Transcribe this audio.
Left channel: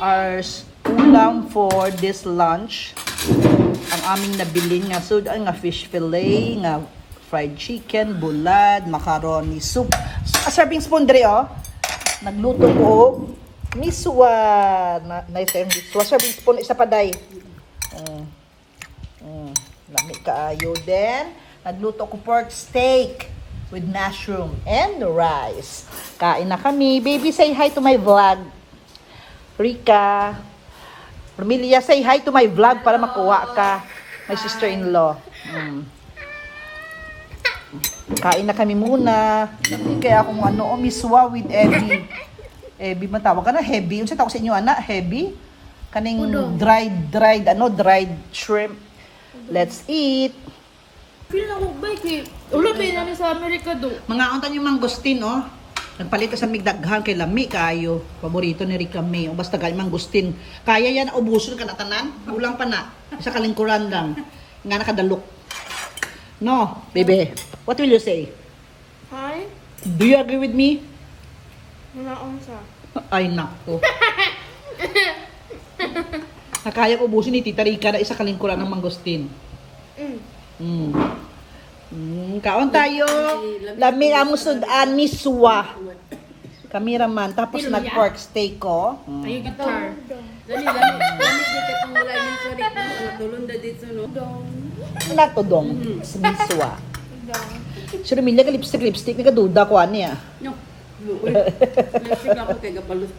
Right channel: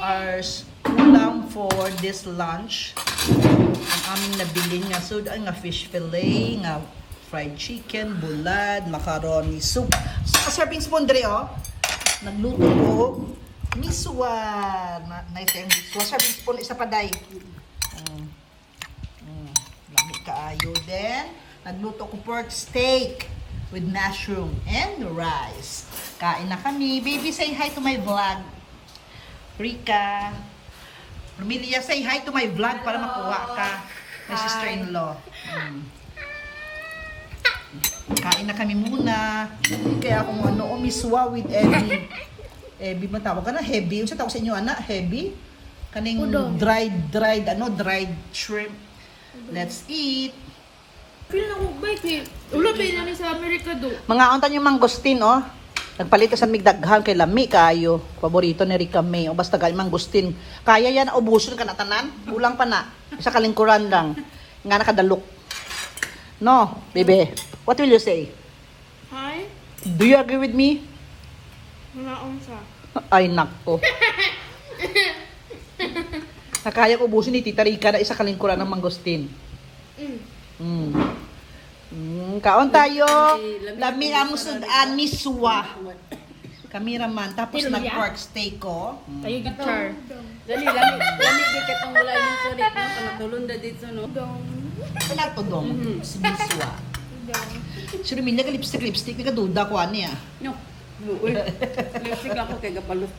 our ulam for this lunch. Ang aming nabili nga sudan nga fish fillet, nga fried chicken, bulad, macaroni soup. A serving spoon dre oh. Nagluto ko miswa. Nice and miswa. Serving spoon isa pa day. Lami kaayo din. Nagluto ko pork steak with mushroom and rice. Kain na kami. Baby, say hi to my vlog. Rika. Romelia, say hi to my vlog para makuha ka. My sister-in-law. Kain na kami muna. Kaya akong miswa with Evie. Evie, matawag ka na, heavy. Yung sa tawag sa inyo, anak, heavy. Kaning dried shrimp. Let's eat. Feel na ko bait eh. Ulo ba yan sa Amerika do? Mga untan yung mangustin, oh. Nagpalit sa migdaghan kay lami kayo. Paborito ni Rika May. O basta kay mangustin. Kaya yan ubuson ka na tanan. Ulang pa na. Sa kalingkuran lang. Nga nakadalok. No, baby. What will you say? Hi? Do you agree with me? Wala akong sa. Ay, nako. Nakaya ubusin ni Tita Rika na isa kalingkuran ng mangustin. Kaon tayo. Lami ang sudan miswa. Kameraman. Tapos nag-pork steak ko. Ay, guitar. Dali di ka tong wala yung sorry. Natulong na dito, no? Wala to dong. Miswa. Si Romelia ka lipstick. Nagaduda ko ano ya. No. Lipstick ako kay Gapalos.